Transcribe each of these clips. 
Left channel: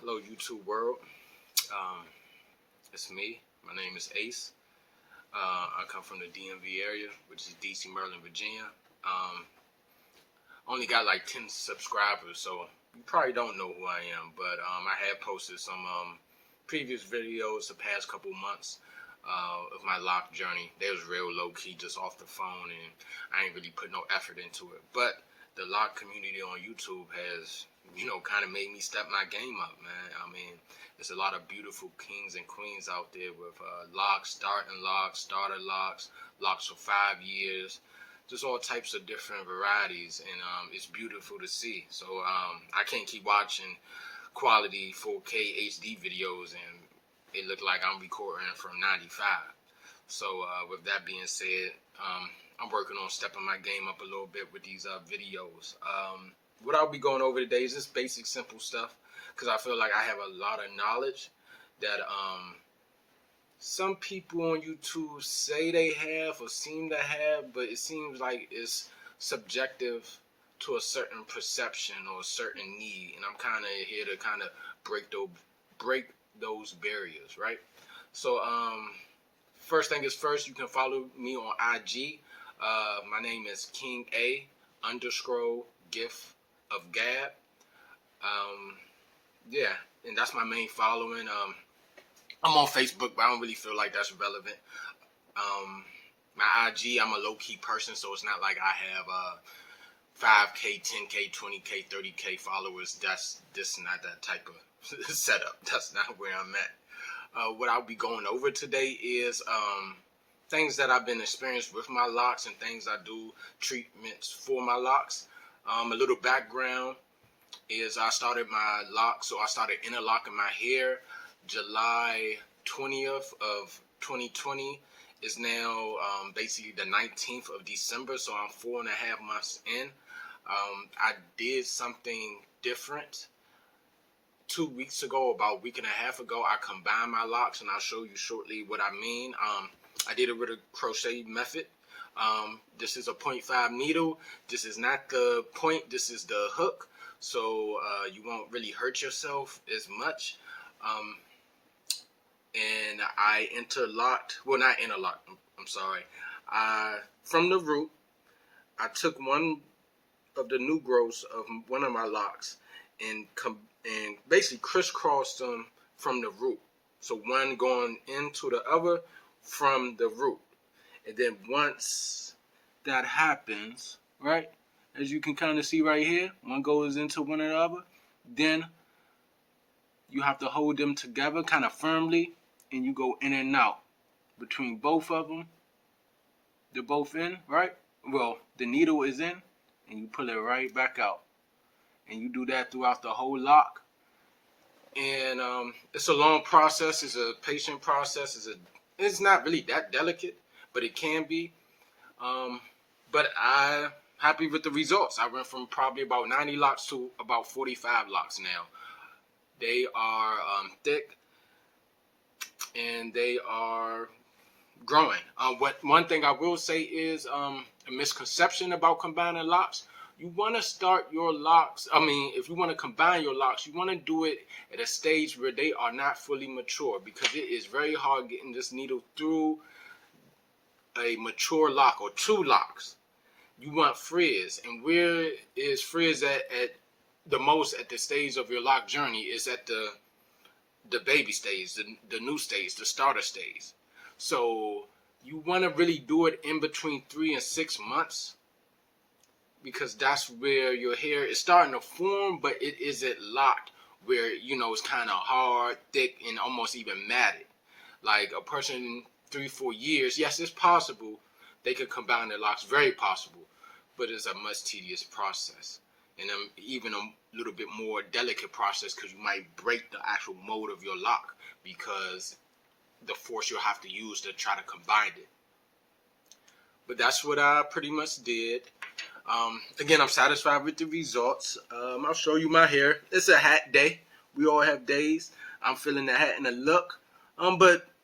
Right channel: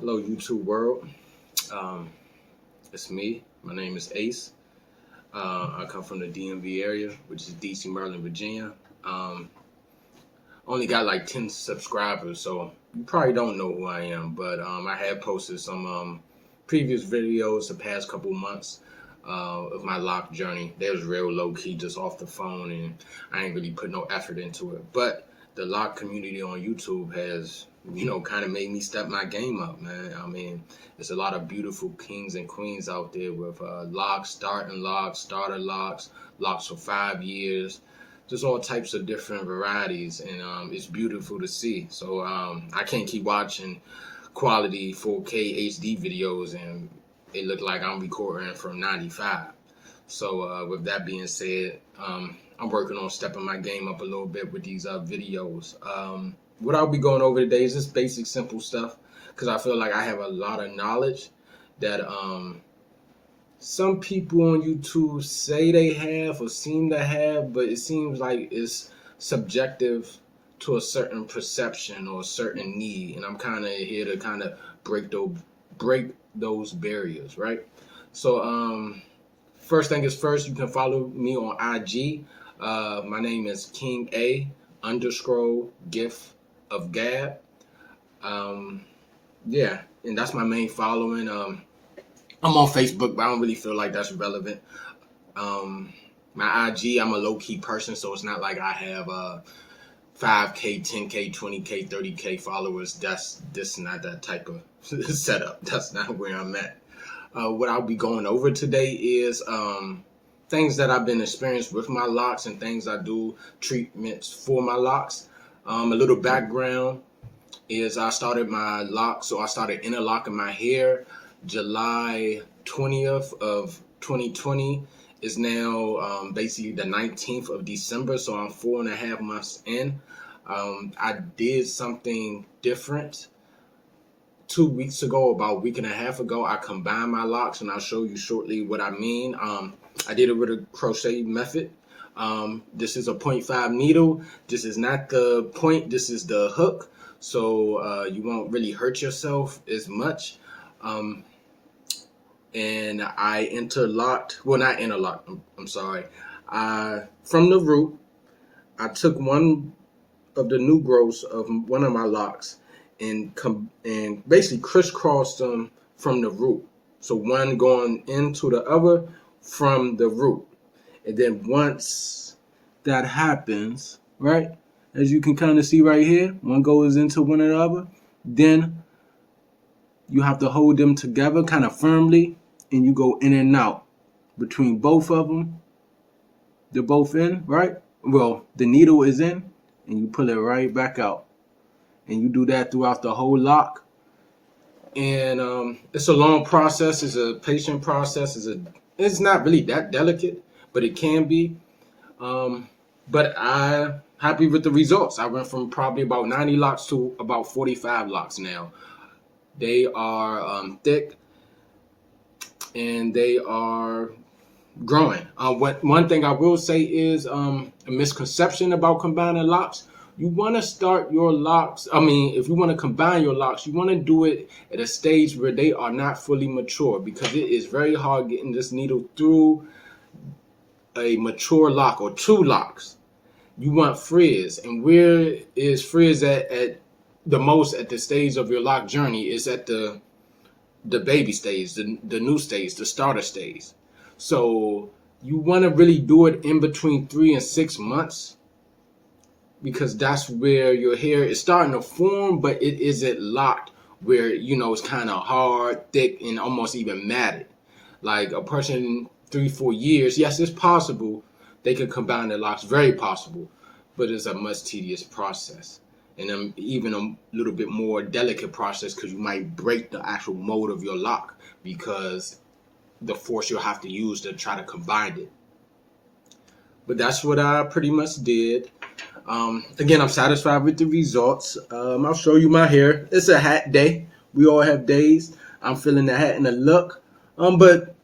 Hello, YouTube world. Um, it's me. My name is Ace. I come from the DMV area, which is DC, Maryland, Virginia. Um, Only got like 10 subscribers, so you probably don't know who I am. But I have posted some previous videos the past couple months of my lock journey. They was real low key, just off the phone, and I ain't really put no effort into it. But the lock community on YouTube has, kind of made me step my game up, man. I mean, there's a lot of beautiful kings and queens out there with locks, starting locks, starter locks, locks for 5 years, just all types of different varieties, and it's beautiful to see. So I can't keep watching quality 4K HD videos and it looked like I'm recording from 95. So with that being said, I'm working on stepping my game up a little bit with these videos. What I'll be going over today is just basic, simple stuff, because I feel like I have a lot of knowledge that some people on YouTube say they have or seem to have, but it seems like it's subjective to a certain perception or a certain need, and I'm kind of here to kind of break those barriers, right? So first thing is first, you can follow me on IG. My name is King A underscore Gift of Gab. Yeah, and that's my main following. I'm on Facebook, but I don't really feel like that's relevant. My IG, I'm a low key person, so it's not like I have 5K, 10K, 20K, 30K followers. That's just not that type of setup. That's not where I'm at. What I'll be going over today is things that I've been experienced with my locks and things I do, treatments for my locks. A little background is I started my locks, so I started interlocking my hair July 20th of 2020. Is now basically the 19th of December, so I'm 4.5 months in. I did something different 2 weeks ago, about a week and a half ago. I combined my locks, and I'll show you shortly what I mean. I did it with a crochet method. This is a 0.5 needle. This is not the point, this is the hook, so you won't really hurt yourself as much. And I interlocked, well, not interlocked, I'm sorry. From the root, I took one of the new growths of one of my locks and basically crisscrossed them from the root. So one going into the other from the root. And then once that happens, right, as you can kind of see right here, one goes into one of the other, then you have to hold them together kind of firmly, and you go in and out between both of them. They're both in, right? Well, the needle is in, and you pull it right back out. And you do that throughout the whole lock. And it's a long process. It's a patient process. It's not really that delicate, but it can be. But I'm happy with the results. I went from probably about 90 locks to about 45 locks now. They are thick, and they are growing. One thing I will say is a misconception about combining locks. You want to start your locks, if you want to combine your locks, you want to do it at a stage where they are not fully mature, because it is very hard getting this needle through a mature lock or two locks. You want frizz, and where is frizz at the most at the stage of your lock journey is at the baby stage, the new stage, the starter stage. So you want to really do it in between 3 and 6 months, because that's where your hair is starting to form, but it isn't locked where, it's kind of hard, thick, and almost even matted. Like a person 3-4 years, yes, it's possible they can combine their locks, very possible, but it's a much tedious process. And even a little bit more delicate process, because you might break the actual mold of your lock because the force you'll have to use to try to combine it. But that's what I pretty much did. Again, I'm satisfied with the results. I'll show you my hair. It's a hat day. We all have days. I'm feeling the hat and the look. But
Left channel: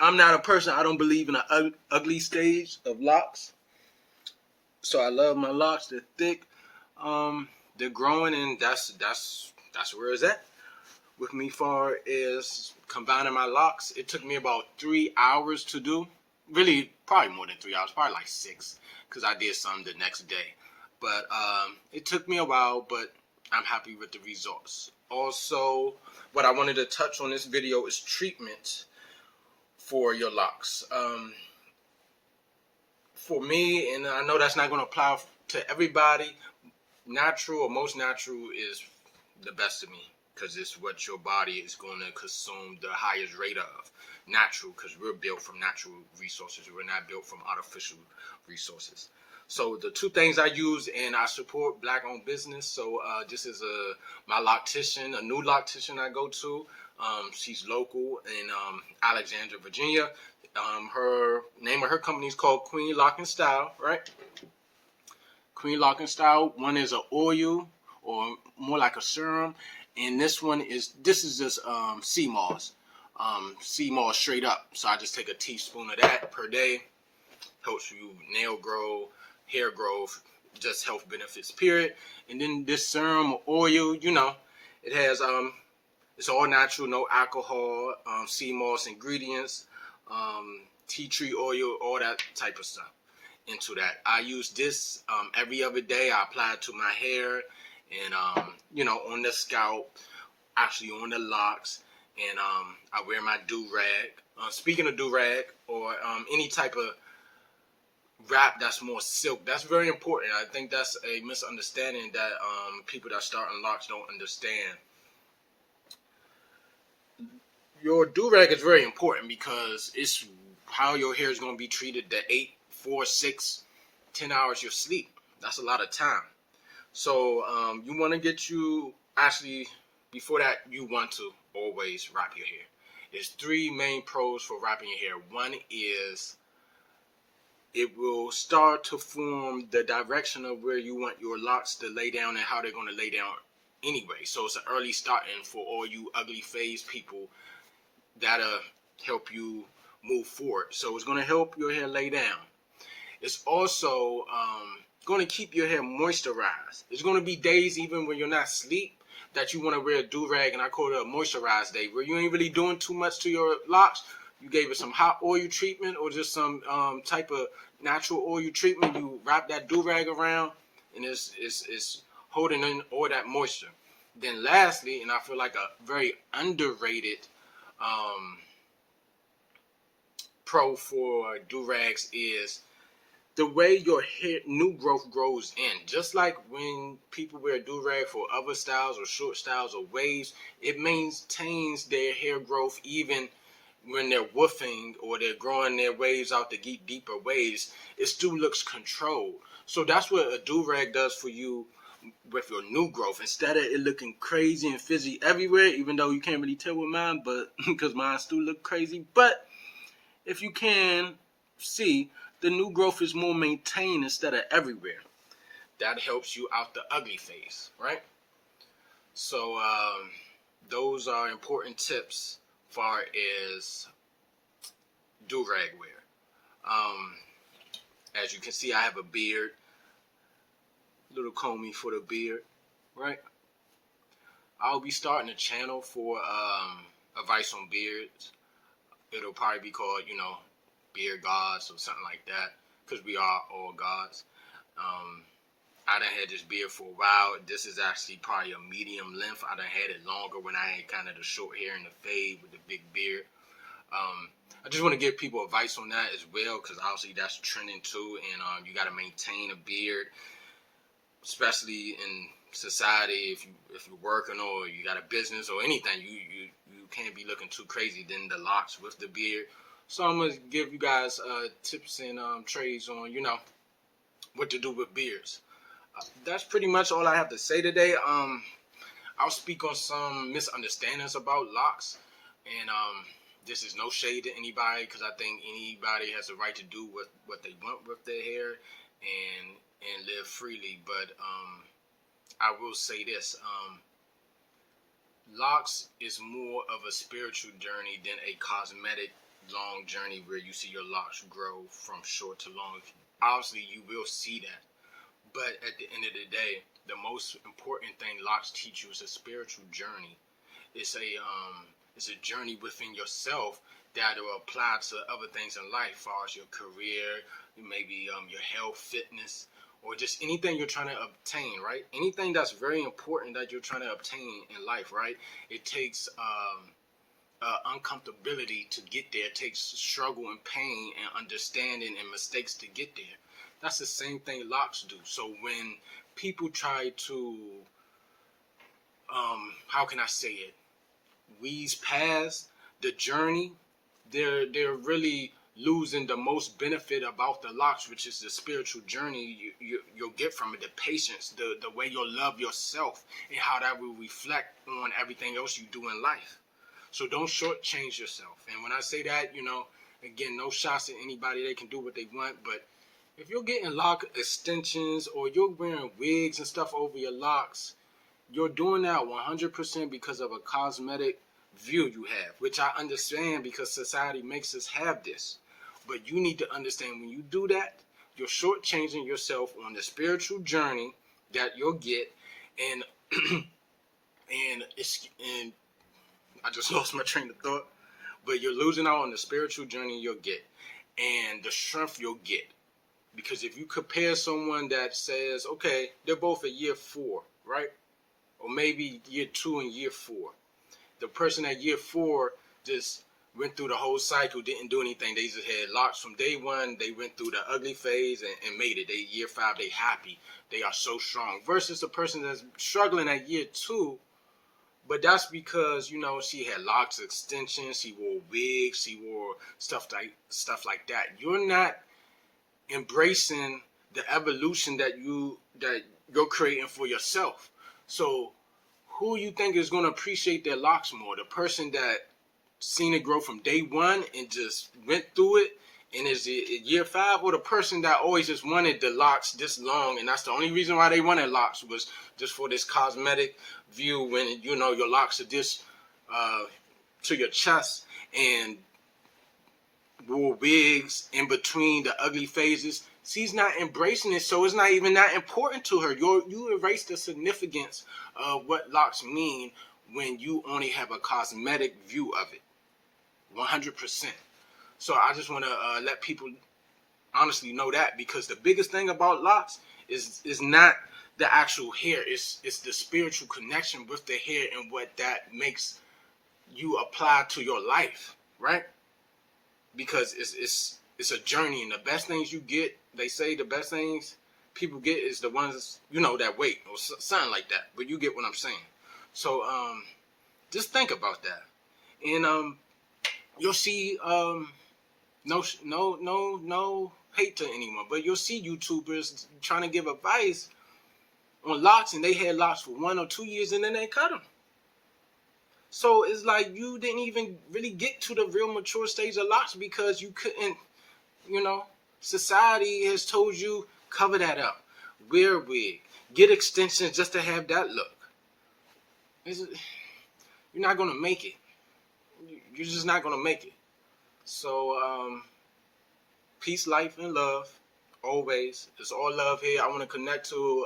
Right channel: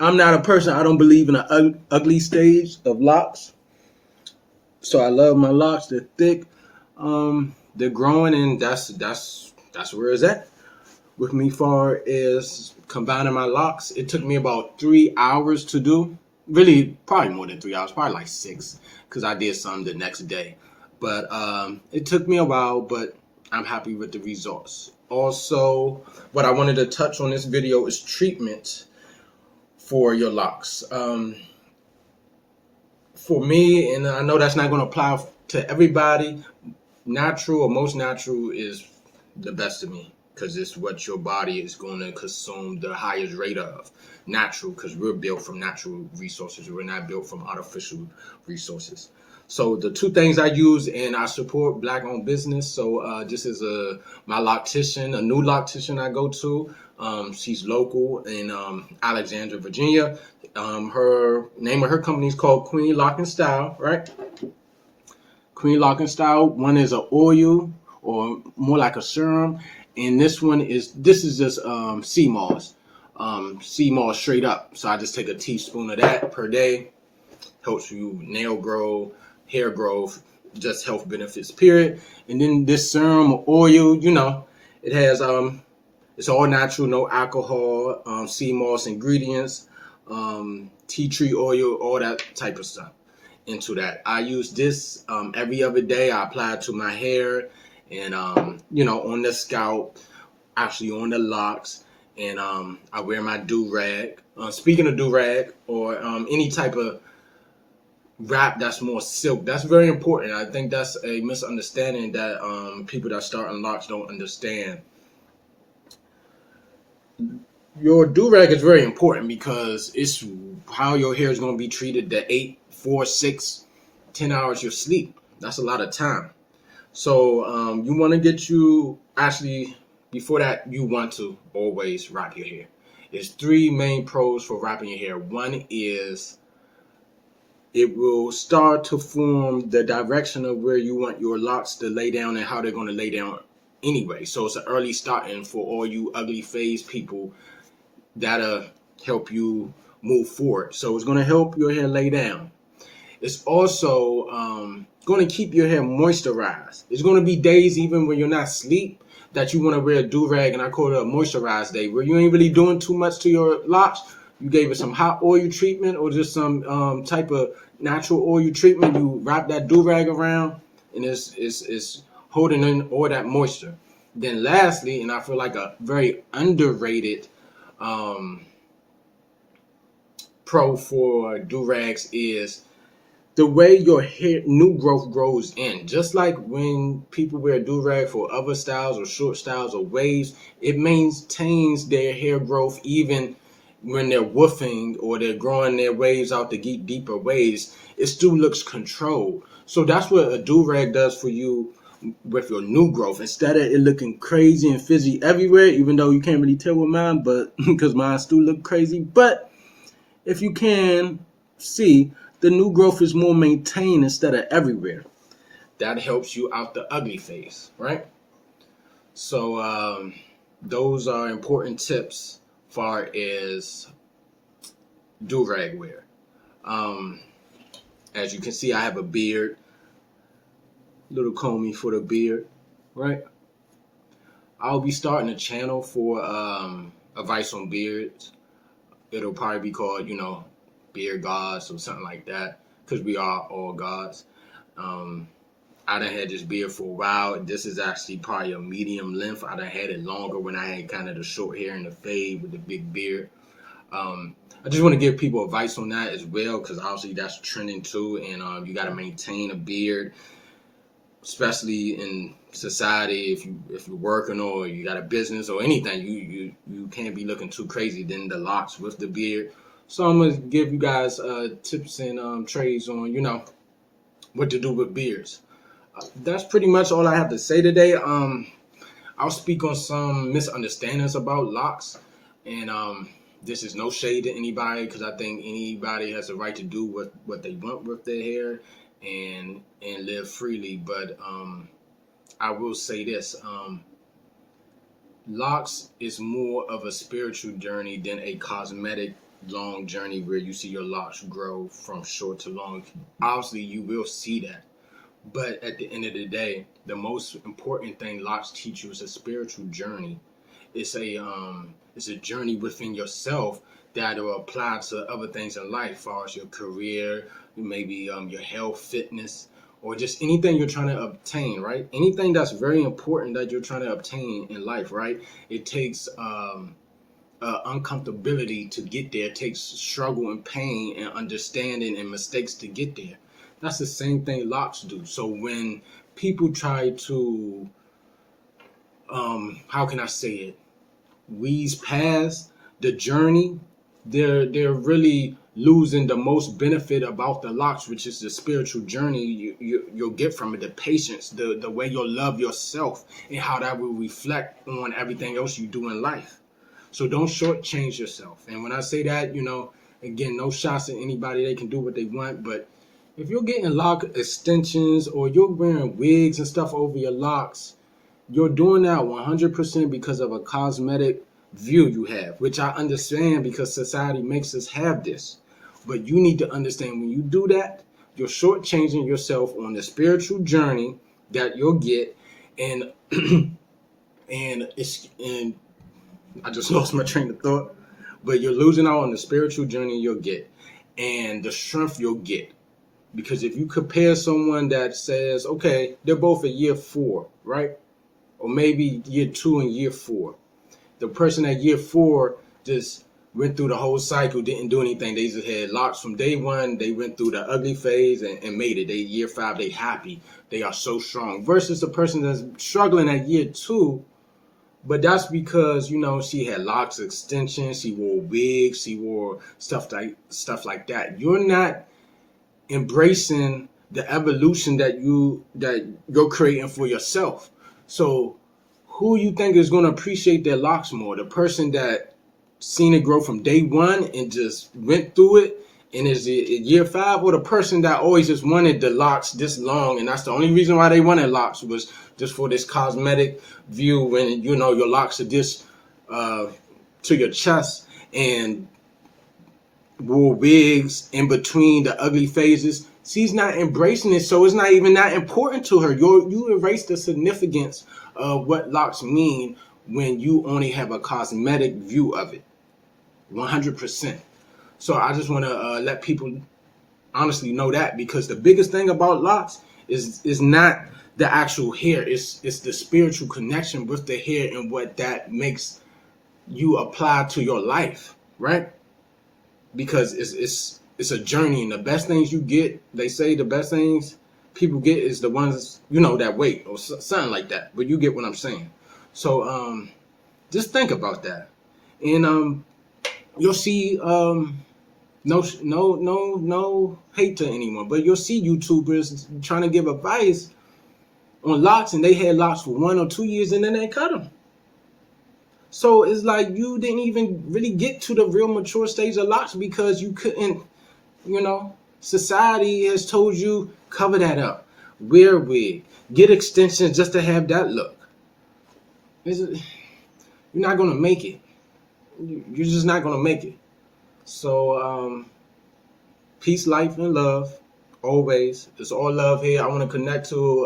I'm not a person, I don't believe in an ugly stage of locks. So I love my locks. They're thick. They're growing, and that's where it's at. with me far as combining my locks. It took me about 3 hours to do. Really, probably more than 3 hours, probably like six, because I did some the next day. But it took me a while, but I'm happy with the results. Also, what I wanted to touch on this video is treatment for your locks. For me, and I know that's not going to apply to everybody, natural or most natural is the best to me because it's what your body is going to consume the highest rate of. Natural, because we're built from natural resources. We're not built from artificial resources. So the two things I use, and I support black-owned business. So this is my loctician, a new loctician I go to. She's local in Alexandria, Virginia. Her name of her company is called Queen Lock and Style, right? Queen Lock and Style. One is an oil or more like a serum, and this is just sea moss, sea moss straight up. So I just take a teaspoon of that per day. Helps you nail grow, hair growth, just health benefits. Period. And then this serum or oil, it has it's all natural, no alcohol, sea moss ingredients, tea tree oil, all that type of stuff into that. I use this every other day. I apply it to my hair and, on the scalp, actually on the locks. And I wear my do-rag. Speaking of do-rag or any type of wrap that's more silk, that's very important. I think that's a misunderstanding that people that start in locks don't understand. Your do-rag is very important because it's how your hair is going to be treated the 8, 4, 6, 10 hours you sleep. That's a lot of time. So you want to before that, you want to always wrap your hair. There's three main pros for wrapping your hair. One is it will start to form the direction of where you want your locks to lay down and how they're going to lay down anyway. So it's an early starting for all you ugly phase people. That'll help you move forward. So it's going to help your hair lay down. It's also going to keep your hair moisturized. There's going to be days even when you're not asleep that you want to wear a do-rag, and I call it a moisturized day, where you ain't really doing too much to your locks. You gave it some hot oil treatment or just some type of natural oil treatment. You wrap that do-rag around, and it's holding in all that moisture. Then lastly, and I feel like a very underrated pro for do-rags is the way your hair new growth grows in. Just like when people wear do-rag for other styles or short styles or waves, it maintains their hair growth even when they're woofing or they're growing their waves out to get deeper waves. It still looks controlled. So that's what a do-rag does for you with your new growth. Instead of it looking crazy and fizzy everywhere, even though you can't really tell with mine, but because mine still look crazy. But if you can see, the new growth is more maintained instead of everywhere. That helps you out the ugly phase, right? So those are important tips far as do-rag wear. As you can see, I have a beard. Little comey for the beard, right? I'll be starting a channel for advice on beards. It'll probably be called, Beard Gods or something like that, because we are all gods. I done had this beard for a while. This is actually probably a medium length. I done had it longer when I had kind of the short hair and the fade with the big beard. I just want to give people advice on that as well, because obviously that's trending too, and you got to maintain a beard, especially in society. If you're working or you got a business or anything, you can't be looking too crazy. Then the locks with the beard. So I'm gonna give you guys tips and trades on what to do with beards. That's pretty much all I have to say today. I'll speak on some misunderstandings about locks, and this is no shade to anybody, because I think anybody has a right to do what they want with their hair and live freely. But I will say this: locks is more of a spiritual journey than a cosmetic long journey where you see your locks grow from short to long. Obviously, you will see that. But at the end of the day, the most important thing locks teach you is a spiritual journey. it's a journey within yourself that will apply to other things in life, as far as your career, maybe your health, fitness, or just anything you're trying to obtain, right? Anything that's very important that you're trying to obtain in life, right? It takes uncomfortability to get there. It takes struggle and pain and understanding and mistakes to get there. That's the same thing Locs do. So when people try to, how can I say it, wheeze past the journey, they're really losing the most benefit about the Locs, which is the spiritual journey you'll get from it, the patience, the way you'll love yourself, and how that will reflect on everything else you do in life. So don't shortchange yourself. And when I say that, again, no shots at anybody. They can do what they want. But if you're getting lock extensions or you're wearing wigs and stuff over your locks, you're doing that 100% because of a cosmetic view you have, which I understand because society makes us have this. But you need to understand when you do that, you're shortchanging yourself on the spiritual journey that you'll get. And and I just lost my train of thought. But you're losing out on the spiritual journey you'll get and the strength you'll get. Because if you compare someone that says, okay, they're both at year 4, right? Or maybe year 2 and year 4. The person at year 4 just went through the whole cycle, didn't do anything. They just had Locs from day 1. They went through the ugly phase and made it. They year 5, they happy. They are so strong. Versus the person that's struggling at year 2. But that's because, she had Locs extensions, she wore wigs, she wore stuff like that. You're not embracing the evolution that you're creating for yourself. So who you think is going to appreciate their Locs more? The person that seen it grow from day 1 and just went through it and is year 5, or the person that always just wanted the Locs this long, and that's the only reason why they wanted Locs was just for this cosmetic view when your Locs are this to your chest and wore wigs in between the ugly phases. She's not embracing it, so it's not even that important to her. You erase the significance of what Locs mean when you only have a cosmetic view of it, 100%. So I just want to let people honestly know that, because the biggest thing about Locs is not the actual hair. It's the spiritual connection with the hair and what that makes you apply to your life, right? Because it's a journey, and the best things you get, they say the best things people get is the ones that wait, or something like that. But you get what I'm saying. So just think about that, and you'll see. No hate to anyone, but you'll see YouTubers trying to give advice on Locs, and they had Locs for 1 or 2 years, and then they cut them. So it's like you didn't even really get to the real mature stage of Locs because you couldn't. Society has told you cover that up, wear a wig, get extensions just to have that look. You're not gonna make it. You're just not gonna make it. So, peace, life, and love, always. It's all love here. I want to connect to,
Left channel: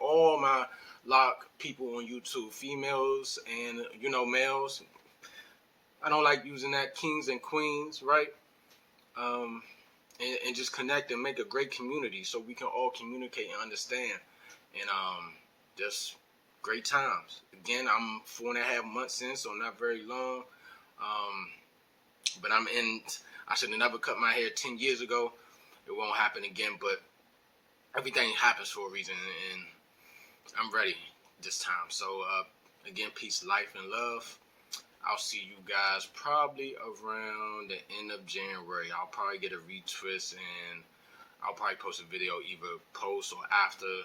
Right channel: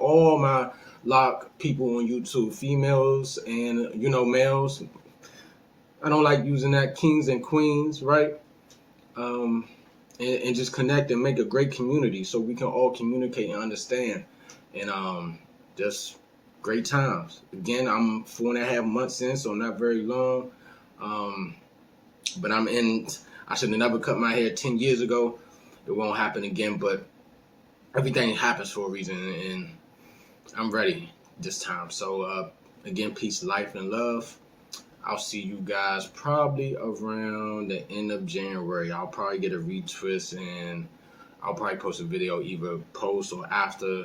all my Loc people on YouTube, females and, males. I don't like using that, kings and queens, right? And just connect and make a great community so we can all communicate and understand. And just great times. Again, I'm 4.5 months in, so not very long. But I should have never cut my hair 10 years ago. It won't happen again, but everything happens for a reason, and I'm ready this time. So, again, peace, life, and love. I'll see you guys probably around the end of January. I'll probably get a retwist, and I'll probably post a video either post or after,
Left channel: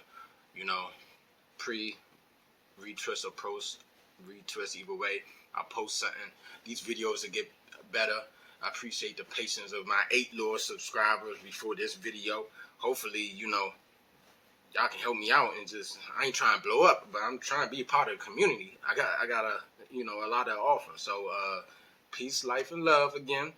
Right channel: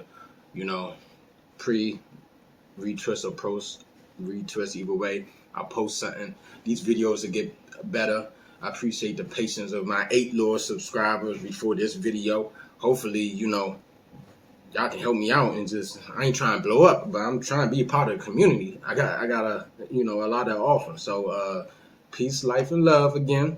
pre-retwist or post-retwist, either way. I'll post something. These videos will get better. I appreciate the patience of my 8 loyal subscribers before this video. Hopefully, y'all can help me out, and I ain't trying to blow up, but I'm trying to be a part of the community. I got a lot to offer. So, peace, life, and love again.